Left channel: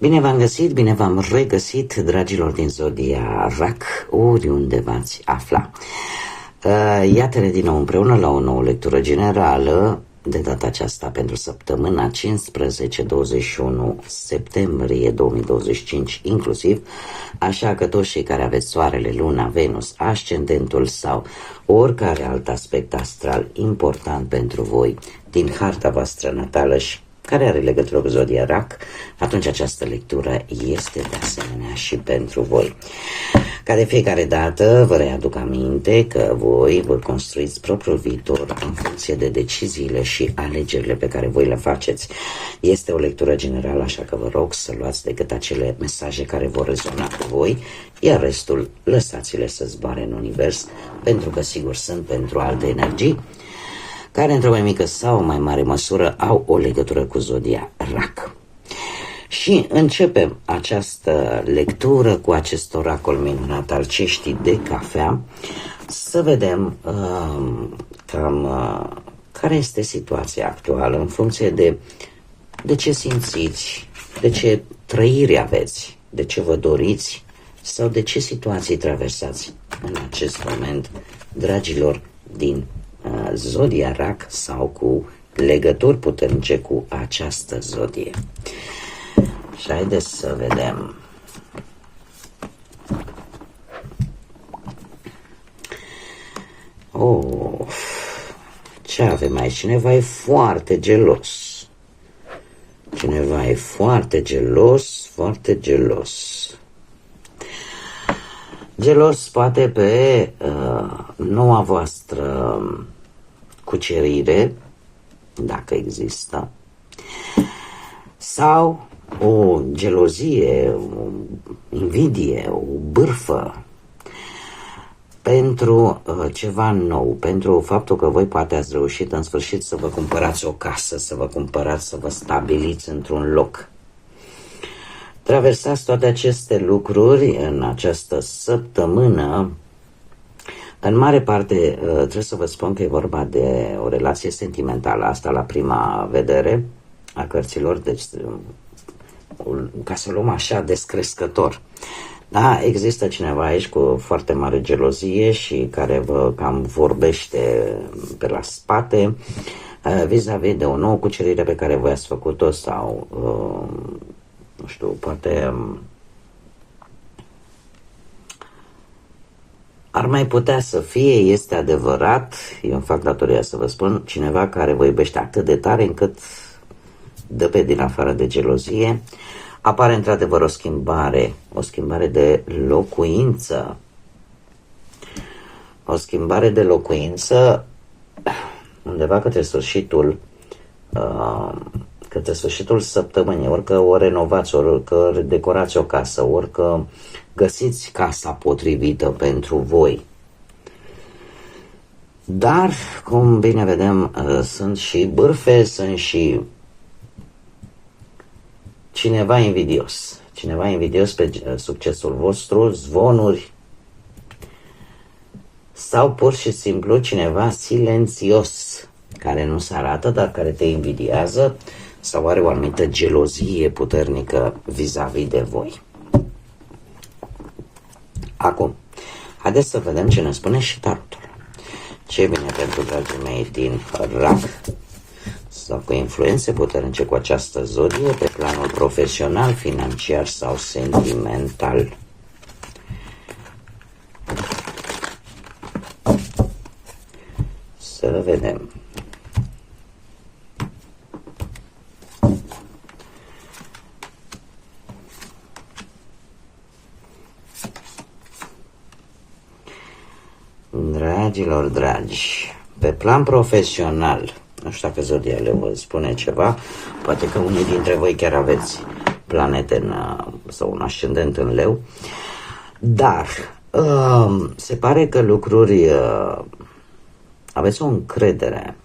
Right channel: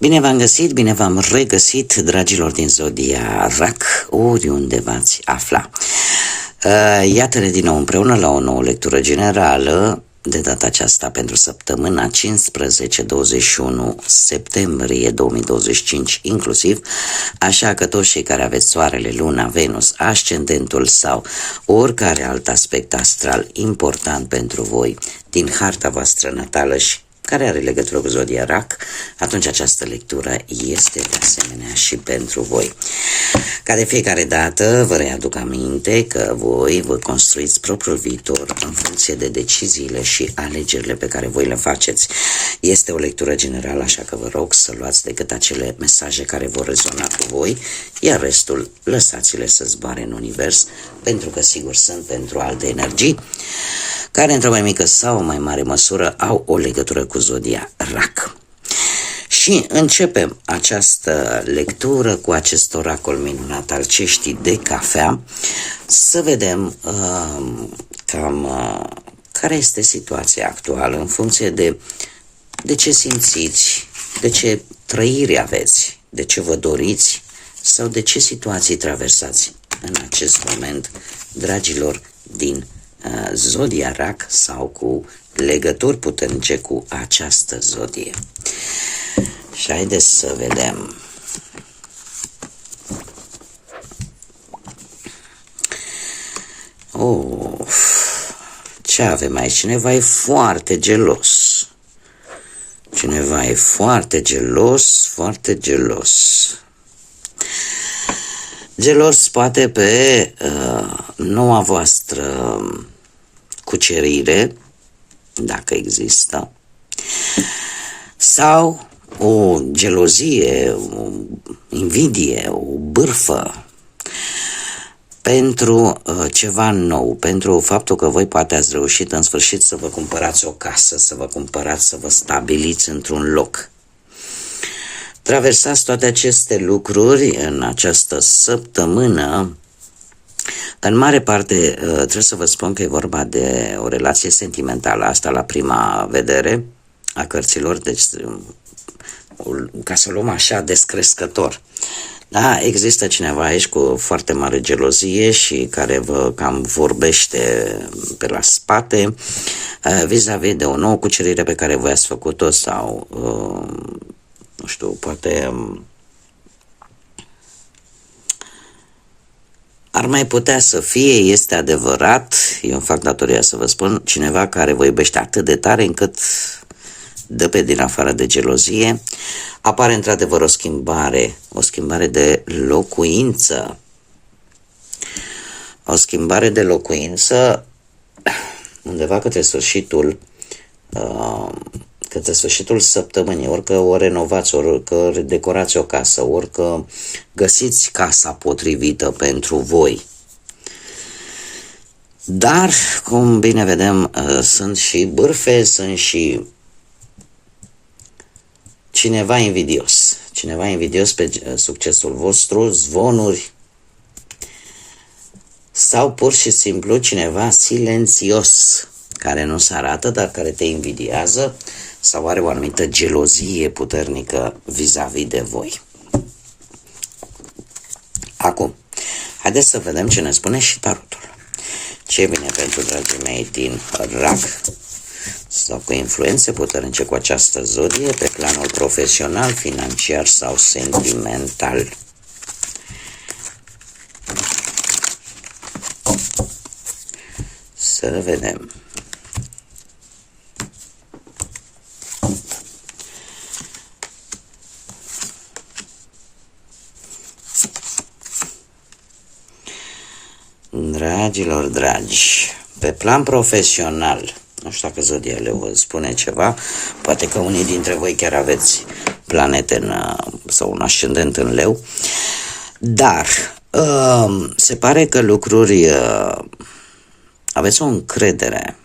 Bine v-am găsit, bine v-am regăsit, dragilor din Zodia RAC, oriunde v-ați afla. Iată-ne din nou împreună la o nouă lectură generală, de data aceasta pentru săptămâna 15-21 septembrie 2025 inclusiv, așa că toți cei care aveți soarele, luna, Venus, ascendentul sau oricare alt aspect astral important pentru voi din harta voastră natală și care are legătură cu Zodia RAC, atunci această lectură este de asemenea și pentru voi. Ca de fiecare dată, vă readuc aminte că voi vă construiți propriul viitor în funcție de deciziile și alegerile pe care voi le faceți. Este o lectură generală, așa că vă rog să luați decât acele mesaje care vor rezona cu voi, iar restul lăsați-le să zboare în univers, pentru că sigur sunt pentru alte energii care într-o mai mică sau o mai mare măsură au o legătură cu Zodia RAC. Și începem această lectură cu acest oracol minunat al ceștii de cafea, să vedem care este situația actuală în funcție de ce simțiți, de ce trăiri aveți, de ce vă doriți sau de ce situații traversați în acest moment, dragilor din Zodia RAC sau cu legături puternice cu această zodie. Și haideți să vedem. Ce avem aici? Cineva e foarte gelos. Cineva e foarte gelos, foarte gelos. Gelos poate pe noua voastră cucerire, dacă există, sau o gelozie, o invidie, o bârfă pentru ceva nou, pentru faptul că voi poate ați reușit în sfârșit să vă cumpărați o casă, să vă stabiliți într-un loc. Traversați toate aceste lucruri în această săptămână. În mare parte trebuie să vă spun că e vorba de o relație sentimentală, asta la prima vedere a cărților, deci ca să luăm așa descrescător. Da, există cineva aici cu foarte mare gelozie și care vă cam vorbește pe la spate vis-a-vis de o nouă cucerire pe care voi ați făcut-o sau nu știu, poate ar mai putea să fie, este adevărat, eu îmi fac datoria să vă spun, cineva care vă iubește atât de tare încât dă pe din afară de gelozie. Apare într-adevăr o schimbare de locuință. O schimbare de locuință undeva către sfârșitul săptămânii, orică o renovați, orică decorați o casă, orică găsiți casa potrivită pentru voi. Dar, cum bine vedem, sunt și bârfe, sunt și cineva invidios pe succesul vostru, zvonuri, sau pur și simplu cineva silențios, care nu se arată, dar care te invidiază sau are o anumită gelozie puternică vis-a-vis de voi. Acum, haideți să vedem ce ne spune și tarotul. Ce vine pentru dragii mei din RAC sau cu influențe puternice cu această zodie pe planul profesional, financiar sau sentimental. Să vedem. Dragilor dragi, pe plan profesional, nu știu dacă zodia le vă spune ceva, poate că unii dintre voi chiar aveți planete sau un ascendent în leu, dar se pare că lucruri aveți o încredere.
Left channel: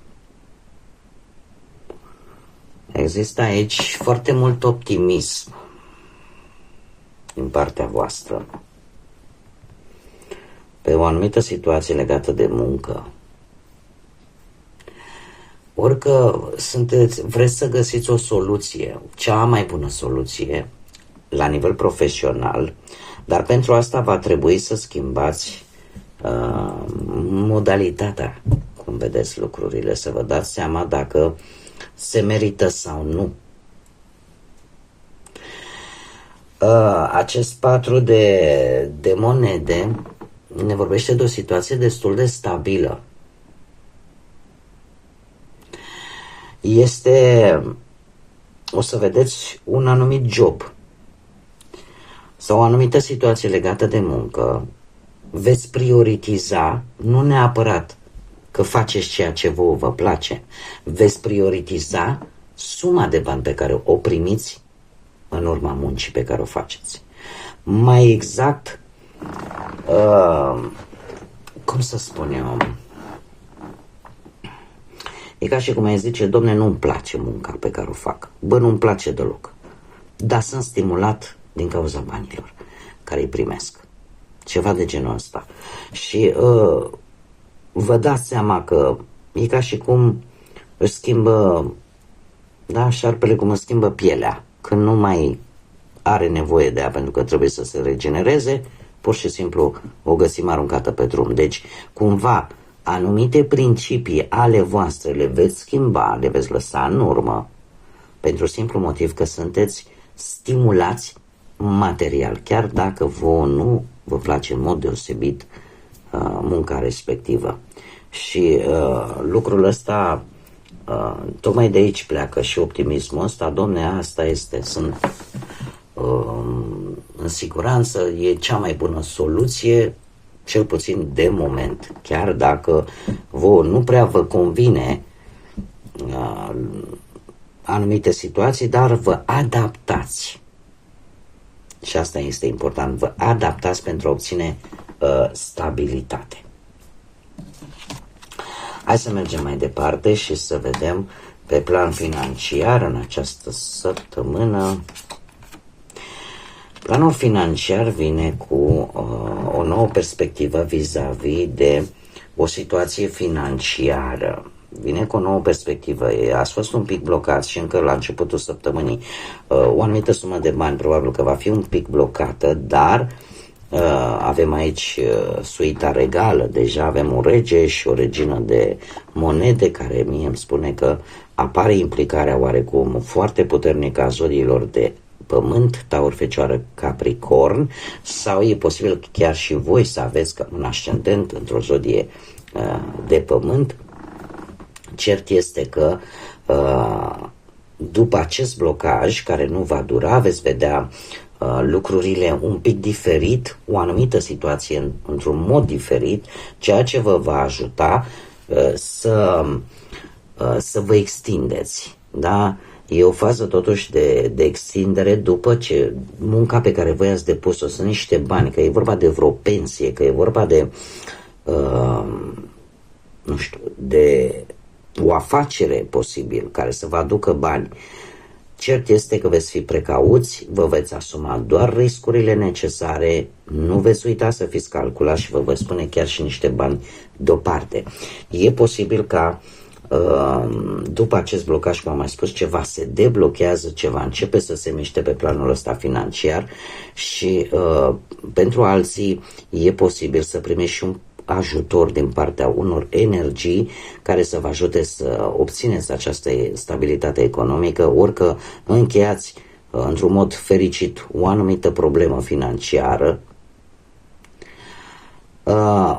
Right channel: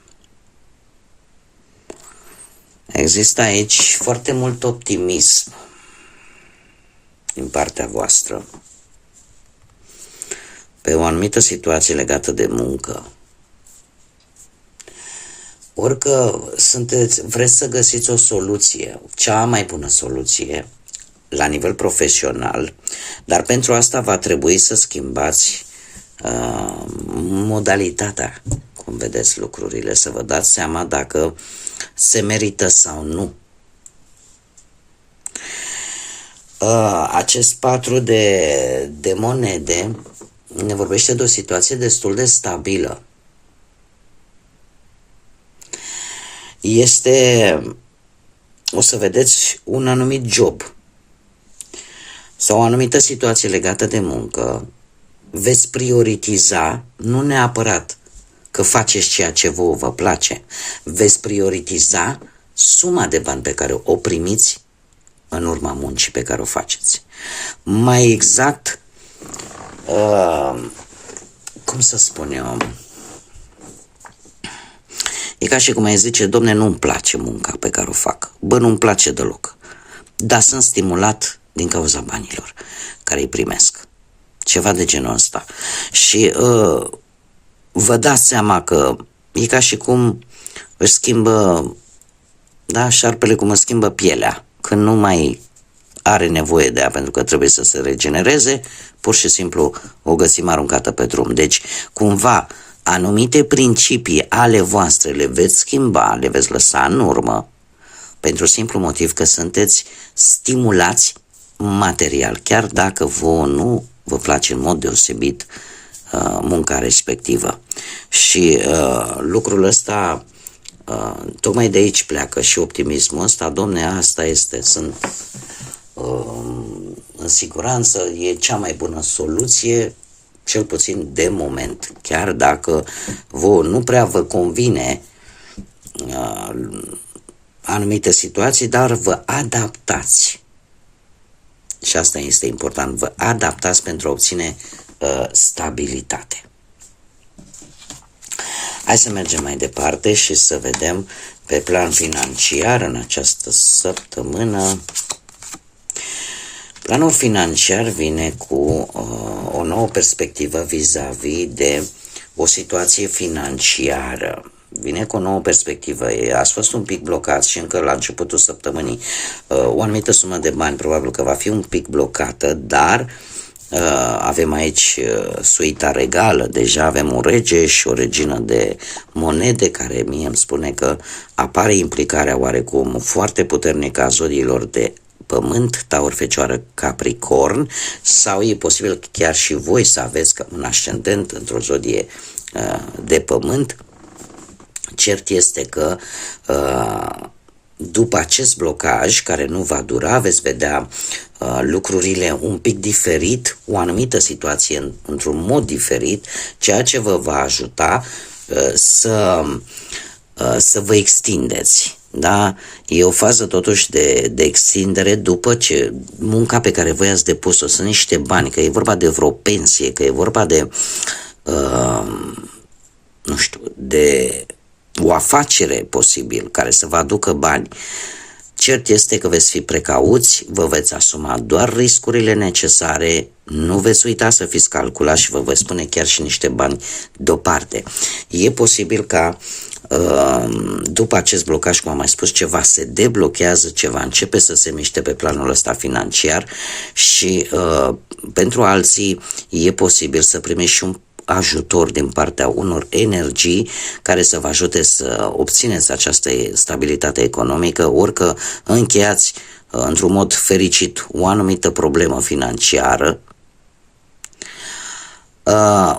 Există aici foarte mult optimism din partea voastră pe o situație legată de muncă. Orică vreți să găsiți o soluție, cea mai bună soluție, la nivel profesional, dar pentru asta va trebui să schimbați modalitatea cum vedeți lucrurile, să vă dați seama dacă se merită sau nu. Acest 4 de monede ne vorbește de o situație destul de stabilă. O să vedeți un anumit job sau o anumită situație legată de muncă, veți prioritiza, nu neapărat că faceți ceea ce vă place, veți prioritiza suma de bani pe care o primiți în urma muncii pe care o faceți. Mai exact, cum să spun eu, e ca și cum ai zice, domne, nu-mi place munca pe care o fac, nu-mi place deloc, dar sunt stimulat din cauza banilor care îi primesc. Ceva de genul ăsta. Și vă dați seama că e ca și cum își schimbă, da, șarpele cum își schimbă pielea. Când nu mai are nevoie de ea pentru că trebuie să se regenereze, pur și simplu o găsim aruncată pe drum. Deci, cumva, anumite principii ale voastre le veți schimba, le veți lăsa în urmă, pentru simplu motiv că sunteți stimulați material, chiar dacă vouă nu vă place în mod deosebit munca respectivă. Și lucrul ăsta, tocmai de aici pleacă și optimismul ăsta, domne, asta este, sunt în siguranță, e cea mai bună soluție, cel puțin de moment, chiar dacă vouă nu prea vă convine anumite situații, dar vă adaptați. Și asta este important, vă adaptați pentru a obține stabilitate. Hai să mergem mai departe și să vedem pe plan financiar în această săptămână. Planul financiar vine cu o nouă perspectivă vis-a-vis de o situație financiară. Vine cu o nouă perspectivă. Ați fost un pic blocat și încă la începutul săptămânii o anumită sumă de bani probabil că va fi un pic blocată, dar avem aici suita regală, deja avem un rege și o regină de monede care mie îmi spune că apare implicarea oarecum foarte puternică a zodiilor de Pământ, Taur, Fecioară, Capricorn, sau e posibil chiar și voi să aveți un ascendent într-o zodie de Pământ. Cert este că după acest blocaj, care nu va dura, veți vedea lucrurile un pic diferit, o anumită situație într-un mod diferit, ceea ce vă va ajuta să vă extindeți. Da? E o fază totuși de extindere după ce munca pe care voi ați depus-o, sunt niște bani, că e vorba de vreo pensie, că e vorba de nu știu, de o afacere posibil care să vă aducă bani. Cert este că veți fi precauți, vă veți asuma doar riscurile necesare, nu veți uita să fiți calculați și vă veți spune chiar și niște bani deoparte. E posibil ca după acest blocaj, cum am mai spus, ceva se deblochează, ceva începe să se miște pe planul ăsta financiar și pentru alții e posibil să primești și un ajutor din partea unor energii care să vă ajute să obțineți această stabilitate economică, ori că încheiați într-un mod fericit o anumită problemă financiară,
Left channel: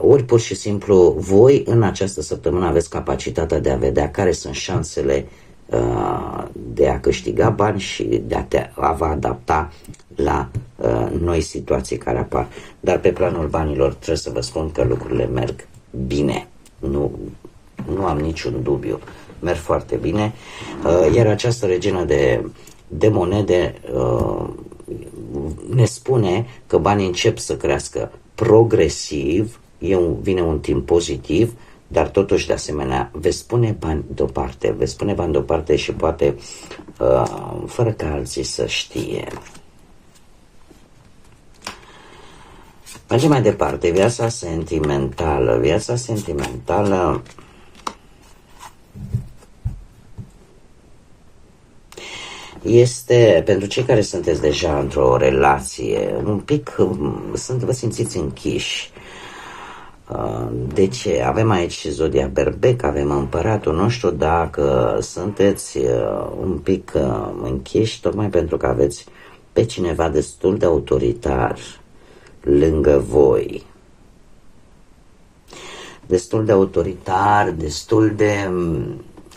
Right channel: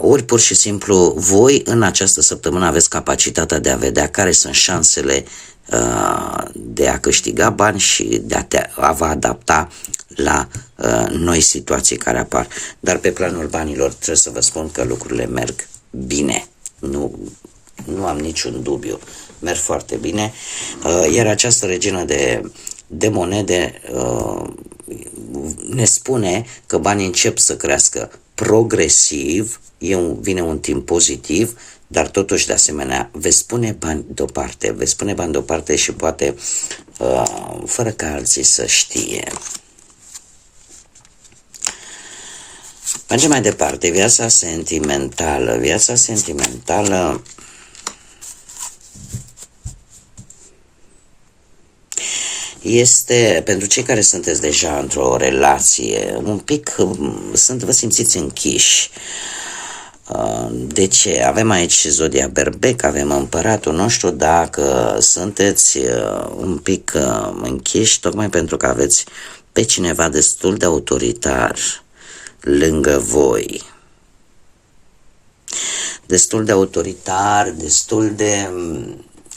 ori pur și simplu voi în această săptămână aveți capacitatea de a vedea care sunt șansele de a câștiga bani și de a vă adapta la noi situații care apar. Dar pe planul banilor trebuie să vă spun că lucrurile merg bine. Nu am niciun dubiu. Merg foarte bine. Iar această regină de monede ne spune că banii încep să crească progresiv, vine un timp pozitiv, dar totuși de asemenea veți pune bani deoparte, și poate fără ca alții să știe. Mergem mai departe, viața sentimentală. este pentru cei care sunteți deja într-o relație, un pic, vă simțiți închiși. De ce? Avem aici zodia berbec, avem împăratul nostru, dacă sunteți un pic închiși, tocmai pentru că aveți pe cineva destul de autoritar lângă voi. Destul de autoritar, destul de,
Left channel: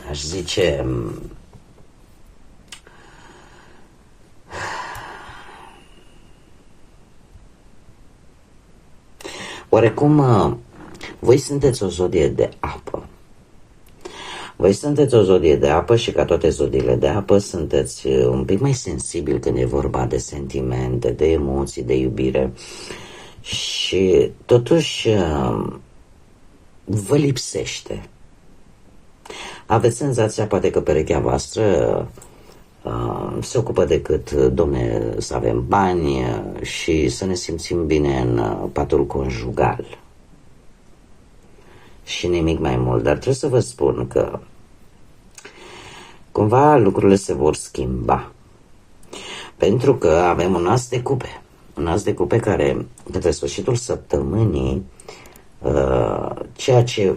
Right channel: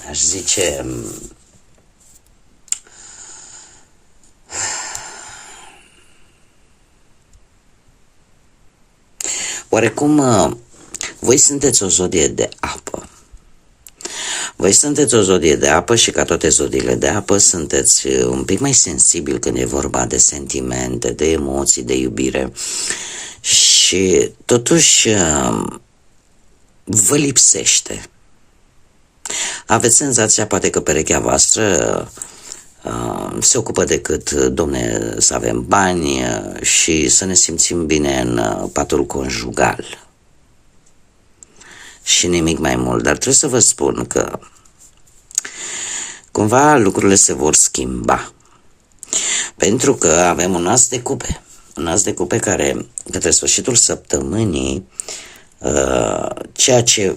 aș zice, oarecum, voi sunteți o zodie de apă. Voi sunteți o zodie de apă și ca toate zodiile de apă sunteți un pic mai sensibil când e vorba de sentimente, de emoții, de iubire. Și totuși vă lipsește. Aveți senzația poate că perechea voastră se ocupă decât, domne, să avem bani și să ne simțim bine în patul conjugal. Și nimic mai mult. Dar trebuie să vă spun că cumva lucrurile se vor schimba. Pentru că avem un as de cupe. Un as de cupe care, către sfârșitul săptămânii, ceea ce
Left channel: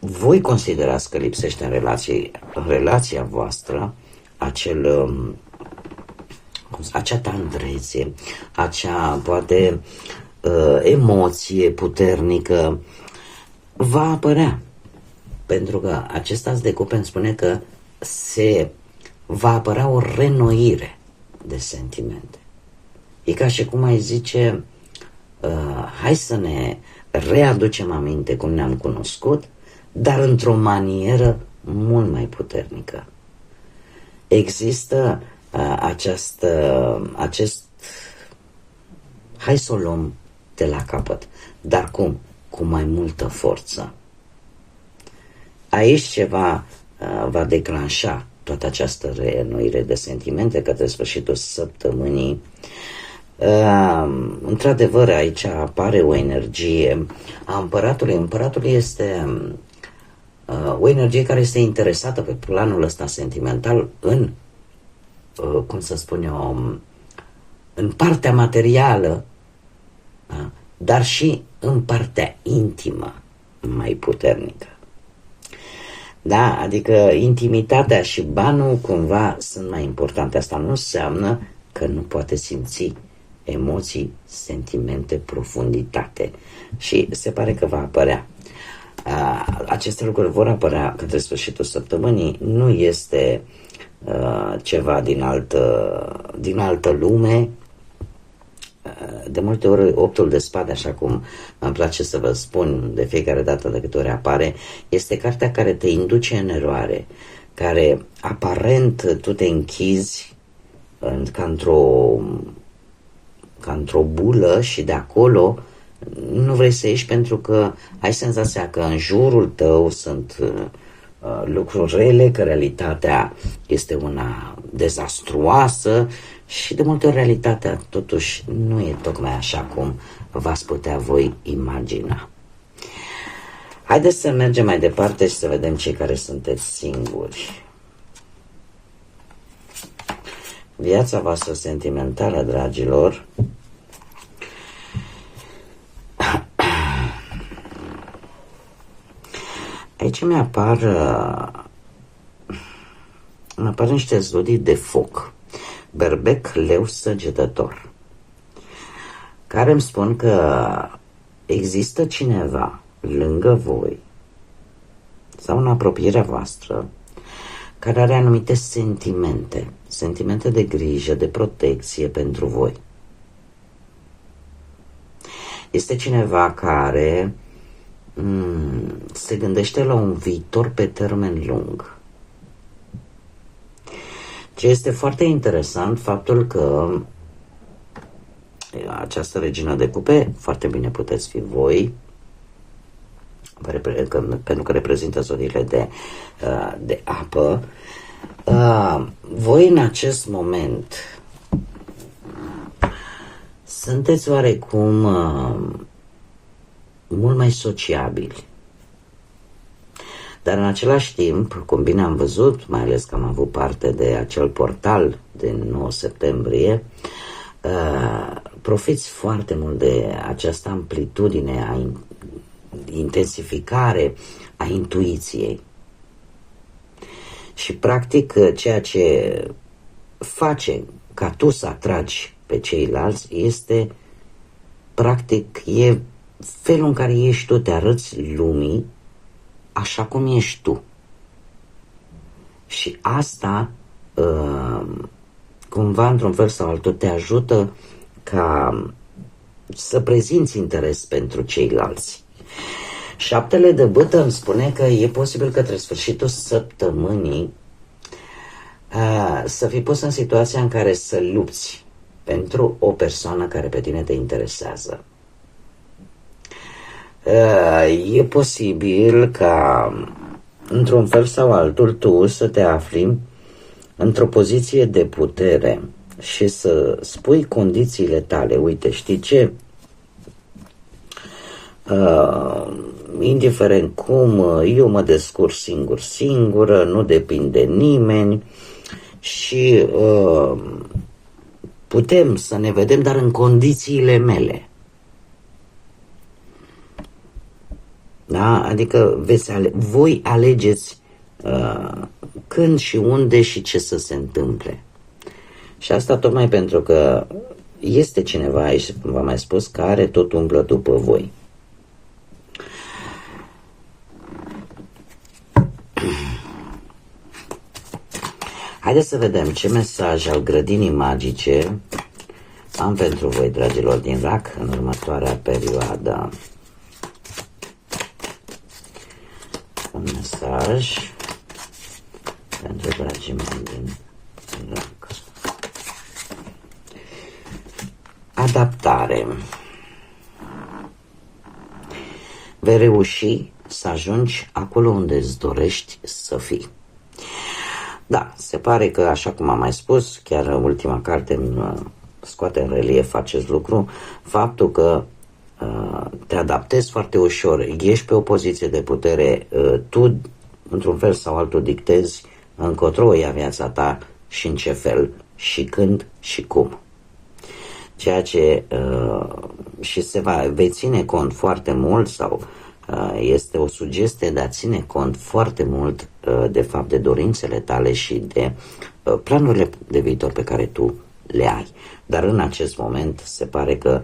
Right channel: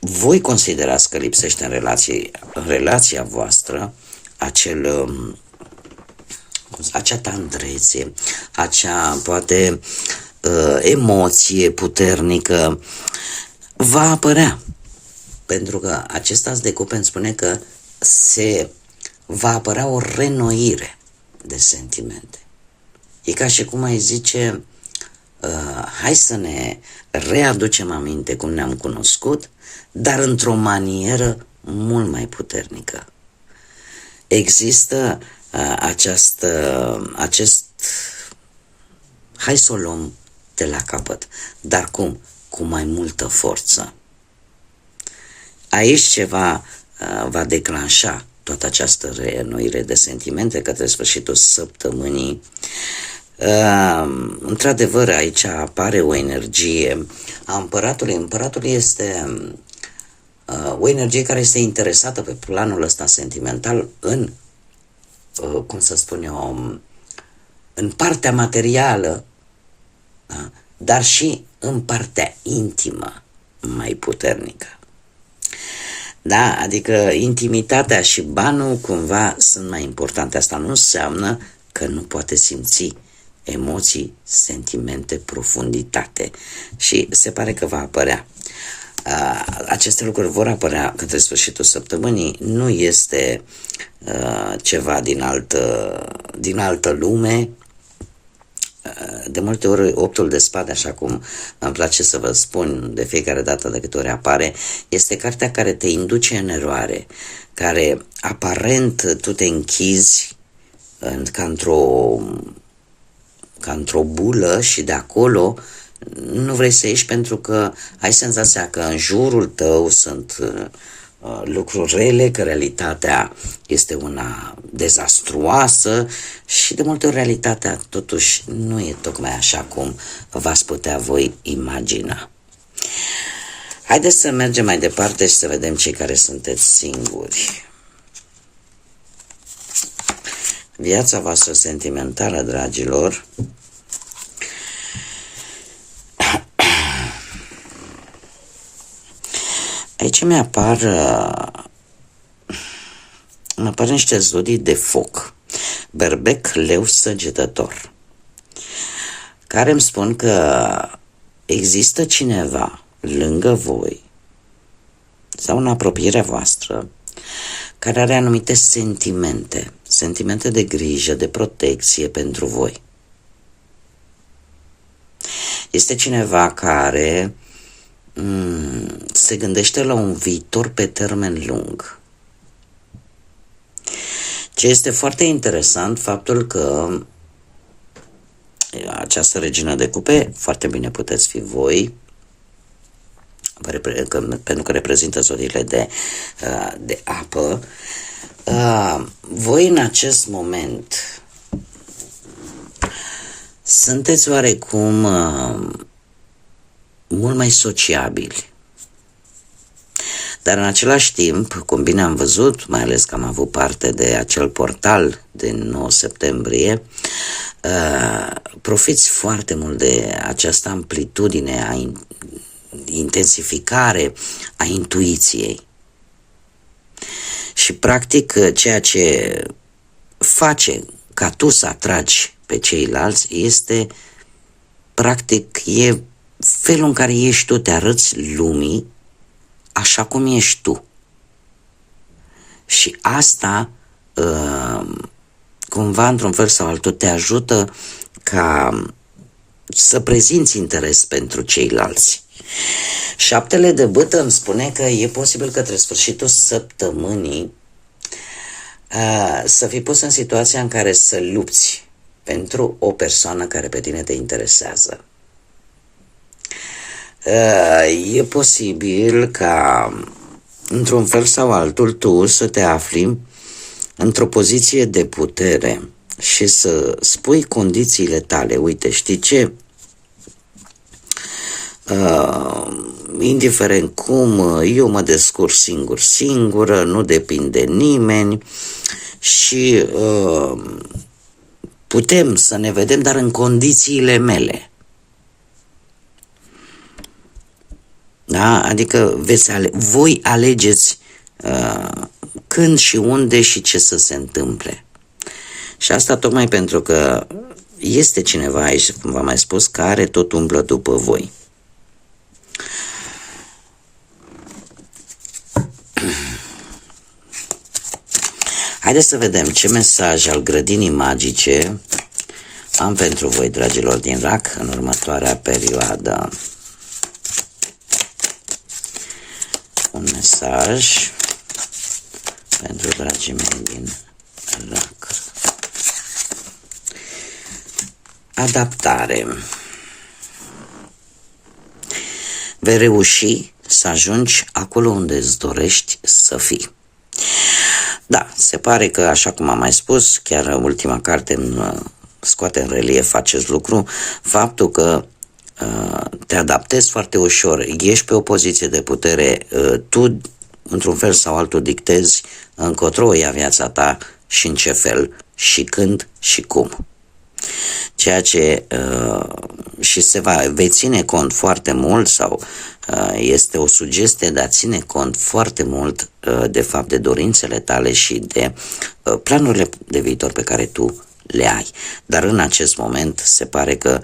voi considerați că lipsește în relația voastră, acea tandrețe, acea, poate, emoție puternică, va apărea. Pentru că acest as de cupe îmi spune că va apărea o renoire de sentimente. E ca și cum ai zice, hai să ne readucem aminte cum ne-am cunoscut, dar într-o manieră mult mai puternică. Există hai să o luăm de la capăt, dar cum? Cu mai multă forță. Aici ceva va declanșa toată această reînnoire de sentimente către sfârșitul săptămânii. Într-adevăr, aici apare o energie a împăratului. Împăratul este o energie care este interesată pe planul ăsta sentimental în, cum să spun eu, în partea materială, da? Dar și în partea intimă mai puternică. Da? Adică intimitatea și banul cumva sunt mai importante. Asta nu înseamnă că nu poate simți emoții, sentimente, profunditate. Și se pare că va apărea. Aceste lucruri vor apărea către sfârșitul săptămânii. Nu este ceva din altă lume. De multe ori optul de spade, așa cum îmi place să vă spun de fiecare dată de câte ori apare, este cartea care te induce în eroare, care aparent tu te închizi ca într-o bulă și de acolo nu vrei să ieși pentru că ai senzația că în jurul tău sunt lucruri rele, că realitatea este una dezastruoasă și de multe ori realitatea totuși nu e tocmai așa cum v-ați putea voi imagina. Haideți să mergem mai departe și să vedem cei care sunteți singuri. Viața voastră sentimentală, dragilor, aici mi-apar niște zodii de foc, berbec, leu, săgetător, care îmi spun că există cineva lângă voi sau în apropierea voastră care are anumite sentimente de grijă, de protecție pentru voi. Este cineva care se gândește la un viitor pe termen lung. Ce este foarte interesant, faptul că această regină de cupe, foarte bine puteți fi voi, pentru că reprezintă zodiile de apă, voi în acest moment sunteți oarecum mult mai sociabili. Dar în același timp, cum bine am văzut, mai ales că am avut parte de acel portal din 9 septembrie, profiți foarte mult de această amplitudine a intensificare a intuiției. Și practic ceea ce face ca tu să atragi pe ceilalți este practic e felul în care ești tu, te arăți lumii așa cum ești tu. Și asta cumva într-un fel sau altul te ajută ca să prezinți interes pentru ceilalți. Șaptele de bâtă îmi spune că e posibil către sfârșitul săptămânii să fii pus în situația în care să lupți pentru o persoană care pe tine te interesează. E posibil ca într-un fel sau altul tu să te afli într-o poziție de putere și să spui condițiile tale. Uite, știi ce? Indiferent cum, eu mă descurc singură, nu depind de nimeni și putem să ne vedem, dar în condițiile mele. Da? Adică voi alegeți când și unde și ce să se întâmple. Și asta tocmai pentru că este cineva aici, cum v-am mai spus, care tot umblă după voi. Haideți să vedem ce mesaj al grădinii magice am pentru voi, dragilor din RAC, în următoarea perioadă. Un mesaj pentru dragii mei din RAC. Adaptare. Vei reuși să ajungi acolo unde îți dorești să fii. Da, se pare că, așa cum am mai spus, chiar ultima carte scoate în relief acest lucru, faptul că te adaptezi foarte ușor, ești pe o poziție de putere, tu, într-un fel sau altul, dictezi încotro ia viața ta și în ce fel, și când și cum. Ceea ce și vei ține cont foarte mult sau este o sugestie de a ține cont foarte mult de fapt de dorințele tale și de planurile de viitor pe care tu le ai. Dar în acest moment se pare că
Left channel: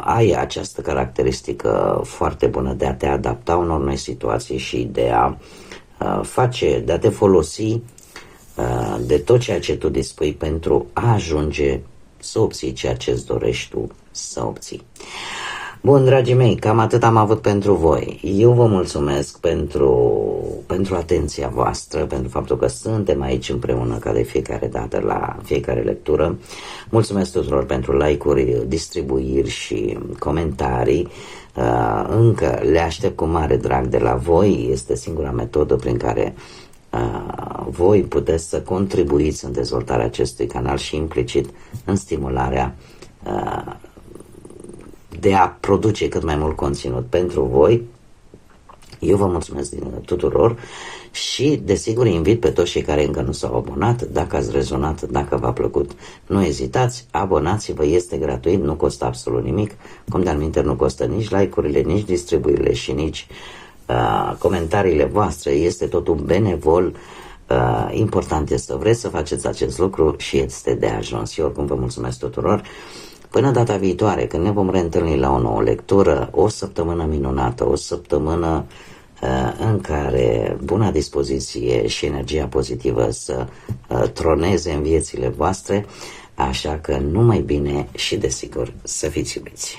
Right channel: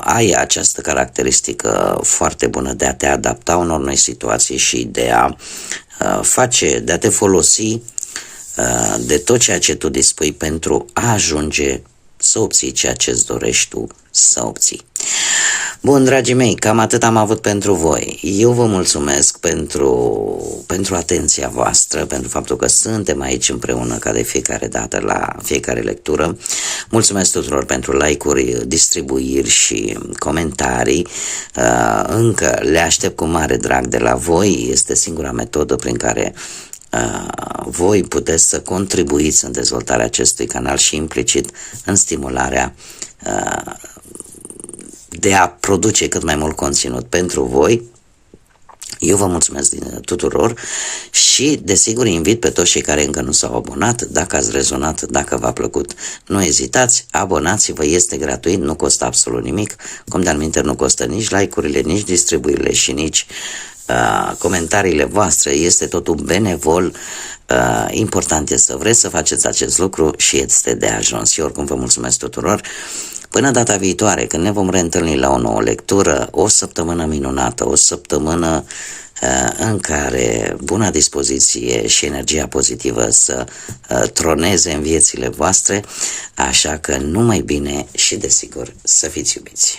ai această caracteristică foarte bună de a te adapta unor noi situații și de a de a te folosi de tot ceea ce tu dispui pentru a ajunge să obții ceea ce îți dorești tu să obții. Bun, dragii mei, cam atât am avut pentru voi. Eu vă mulțumesc pentru atenția voastră, pentru faptul că suntem aici împreună ca de fiecare dată la fiecare lectură. Mulțumesc tuturor pentru like-uri, distribuiri și comentarii. Încă le aștept cu mare drag de la voi. Este singura metodă prin care voi puteți să contribuiți în dezvoltarea acestui canal și implicit în stimularea de a produce cât mai mult conținut pentru voi. Eu vă mulțumesc tuturor și desigur invit pe toți cei care încă nu s-au abonat, dacă ați rezonat, dacă v-a plăcut, nu ezitați, abonați-vă, este gratuit, nu costă absolut nimic, cum de-al minte nu costă nici like-urile, nici distribuirile și nici comentariile voastre, este totul benevol. Important este să vreți să faceți acest lucru și este de ajuns. Eu oricum vă mulțumesc tuturor. Până data viitoare, când ne vom reîntâlni la o nouă lectură, o săptămână minunată, o săptămână în care buna dispoziție și energia pozitivă să troneze în viețile voastre, așa că numai bine și desigur să fiți iubiți.